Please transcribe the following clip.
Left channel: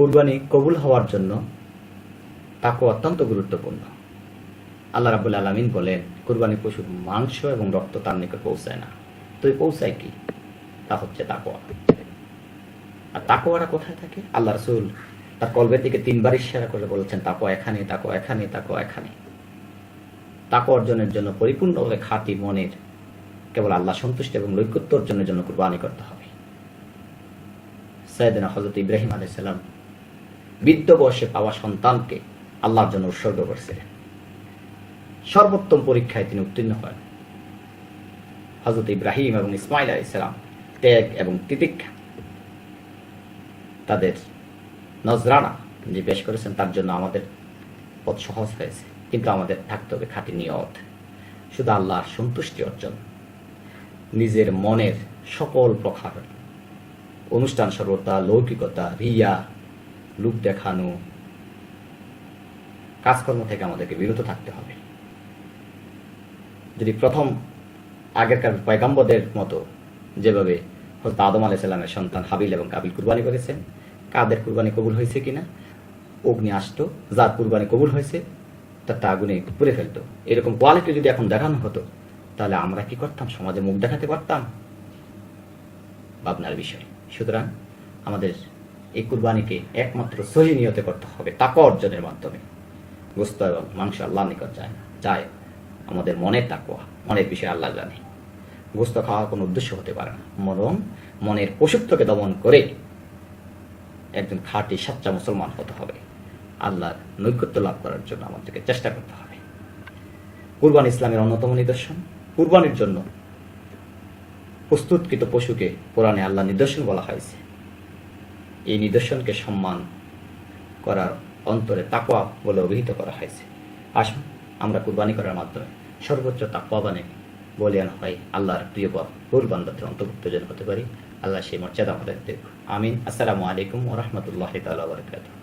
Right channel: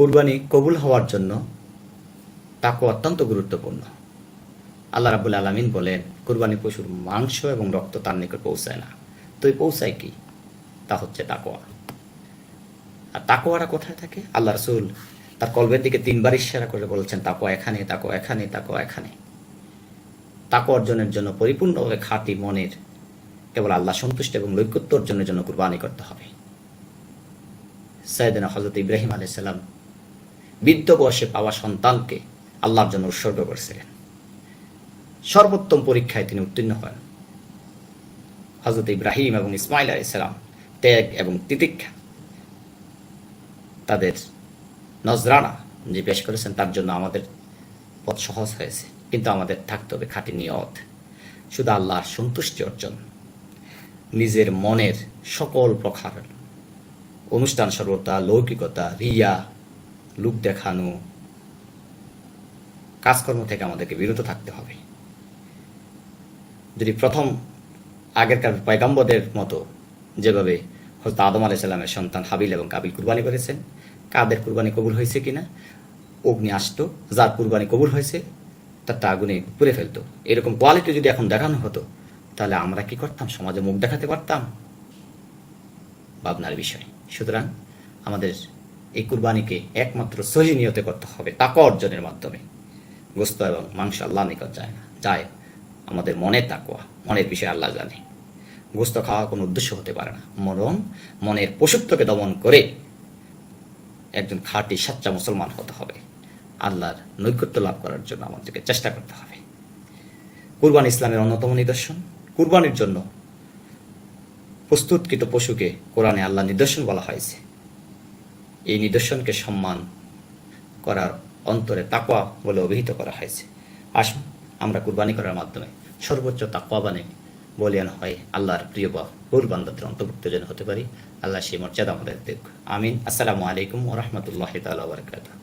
কুরবানি কবুল হওয়ার জন্য তাকওয়া অত্যন্ত গুরুত্বপূর্ণ। আল্লাহ রাব্বুল আলামিন বলেন, কুরবানি পশুর মাংস এবং রক্ত তার নিকট পৌঁছায় না, তো এই পৌঁছায় কি? তা হচ্ছে তাকওয়া। আর তাকওয়াটা কোথায় থাকে? আল্লাহ রাসূল তার কলবের দিকে 3বার ইশারা করে বলেছেন, তাকওয়া এখানে, তাকওয়া এখানে, তাকওয়া এখানে। তাকওয়া অর্জনের জন্য পরিপূর্ণভাবে খাঁটি মনের কেবল আল্লাহ সন্তুষ্ট এবং নৈকট্য অর্জনের জন্য কুরবানি করতে হবে। সাইয়েদনা হযরত ইব্রাহিম আলাইহিস সালাম বৃদ্ধ বয়সে পাওয়া সন্তানকে আল্লাহর জন্য উৎসর্গ করেছিলেন। সর্বোত্তম পরীক্ষায় তিনি উত্তীর্ণ হন। হযরত ইব্রাহিম এবং ইসমাইল আলাইহিস সালাম ত্যাগ এবং তিতিক্ষা, তাদের নজরানা যে পেশ করেছেন, তার জন্য আমাদের পথ সহজ হয়েছে। কিন্তু আমাদের থাকতে হবে খাঁটি নিয়ত, শুধু আল্লাহর সন্তুষ্টি অর্জন। নিজের মনের সকল প্রকার অনুষ্ঠান সর্বতা, লৌকিকতা, রিয়া, লোক দেখানো কাজকর্ম থেকে আমাদেরকে বিরত থাকতে হবে। যদি প্রথম আগেরকার পয়গম্বরদের মতো যেভাবে হযরত আদম আলাইহিস সালামের সন্তান হাবিল এবং কাবিল কুরবানি করেছেন, কাদের কুরবানি কবুল হয়েছে কিনা? অগ্নি আসতো, যার কুরবানি কবুল হয়েছে তারটা আগুনে পুড়ে ফেলতো। এরকম কোয়ালিটি যদি এখন দেখানো হতো, তাহলে আমরা কি করতাম? সমাজে মুখ দেখাতে পারতাম? ভাবনার বিষয়। সুতরাং আমাদের এই কুরবানিকে একমাত্র সহি নিয়তে করতে হবে, তাকওয়া অর্জনের মাধ্যমে। গোশত এবং মাংস আল্লাহ নিকট যায় না, যায় আমাদের মনের তাকওয়া। মনের বিষয় আল্লাহ জানে। গোশত খাওয়া কোনো উদ্দেশ্য হতে পারে না, বরং মনের পশুত্বকে দমন করে একজন খাঁটি সাচ্চা মুসলমান হতে হবে। আল্লাহর নৈকট্য লাভ করার জন্য আমাদেরকে চেষ্টা করতে হবে। কুরবানি ইসলামের অন্যতম নিদর্শন। কুরবানির জন্য প্রস্তুতকৃত পশুকে কোরআনে আল্লাহ নিদর্শন বলা হয়েছে। এই নিদর্শনকে সম্মান করার অন্তরে তাকওয়া বলে অভিহিত করা হয়েছে। আসুন আমরা কুরবানি করার মাধ্যমে সর্বোচ্চ তাকওয়াবানে বলিয়ান হয় আল্লাহর প্রিয় বান্দাদের অন্তর্ভুক্ত যেন হতে পারি। আল্লাহ সেই মর্যাদা আমাদের দিক। আমিন। আসসালামু আলাইকুম ওয়া রাহমাতুল্লাহি তাআলা ওয়া বারাকাতুহু।